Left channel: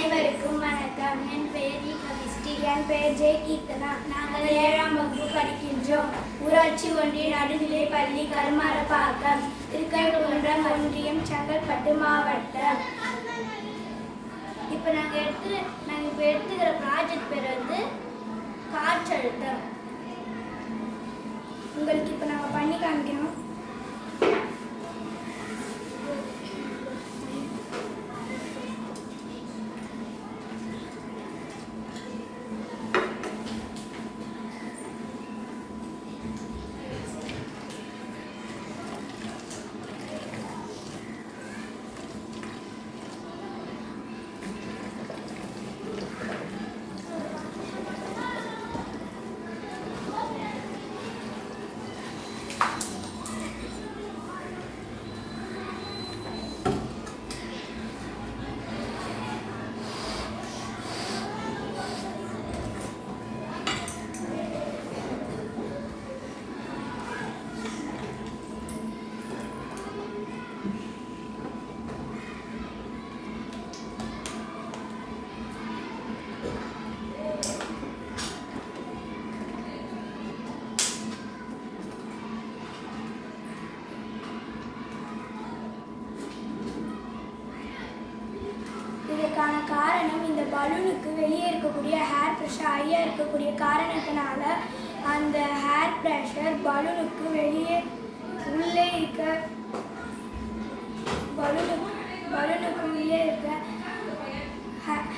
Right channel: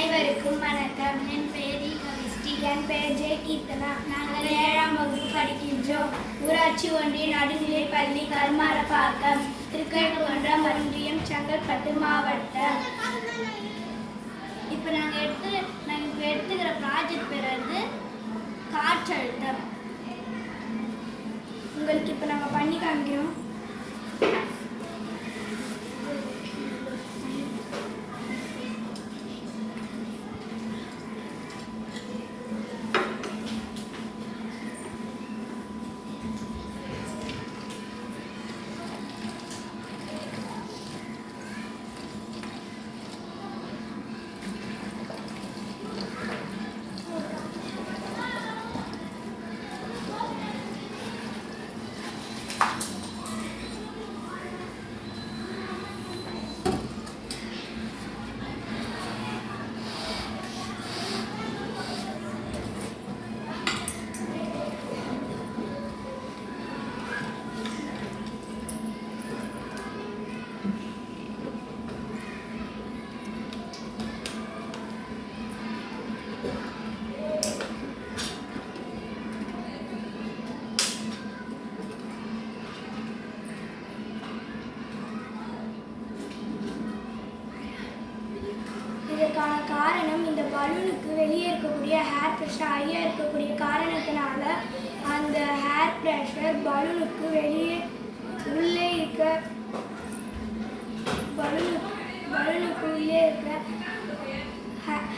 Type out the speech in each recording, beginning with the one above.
அனைவருக்கும் வணக்கம். என் பெயர் கவிஸ்ரீ. என் பெயர் ஜெய கீர்த்தனா. நாங்கள் 7ஆம் வகுப்பு படிக்கின்றோம். ஊராட்சி ஒன்றிய நடுநிலைப் பள்ளி கருமாரப்பாக்கம், திருக்கழுக்குன்றம் ஒன்றியம், செங்கல்பட்டு மாவட்டம். இப்போ நாங்கள் எடுத்துக்கிற ப்ராஜெக்ட் பேர் வந்து காற்றழுத்தம். உங்களுக்கு இப்போ நாங்கள் பண்ணி காமிக்கிறோம். இதற்கான காரணம், இந்த பலூனுக்கு வெளியே இருக்கக்கூடிய ஹேர் ப்ரெஷர் ஹையாக இருக்கக்கூடிய காரணத்தினால அந்த ஹேர் ப்ரெஷர் பலூனுக்கு வெளியே உள்ளே இருக்க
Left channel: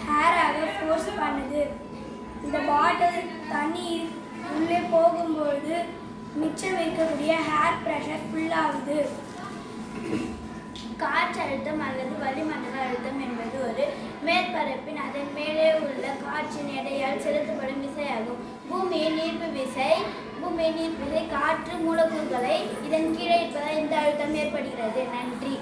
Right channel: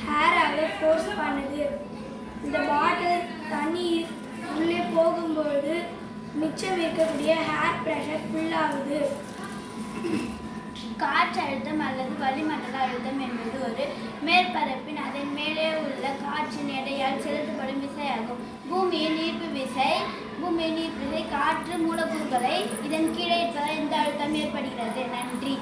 ஹேராகவே ஃபோர்ஸ் பண்ணுது. இந்த பாட்டில் தண்ணி உள்ளே போகும்பொழுது மிச்சம் வைக்கக்கூடிய ஹேர் ப்ரெஷர் ஃபுல்லாகுது. காற்றழுத்தம் அல்லது வளிமண்டல அழுத்தம் என்பது ஒரு மேற்பரப்பின் அதன் மேலே உள்ள காற்றின் எடையால் செலுத்தப்படும் விசையாகும். பூமியின் ஈர்ப்பு விசை காற்று மூலக்கூறுகளை இதன் கீழே இருப்பதால் இந்த அழுத்தம் ஏற்படுகிறது. நன்றி.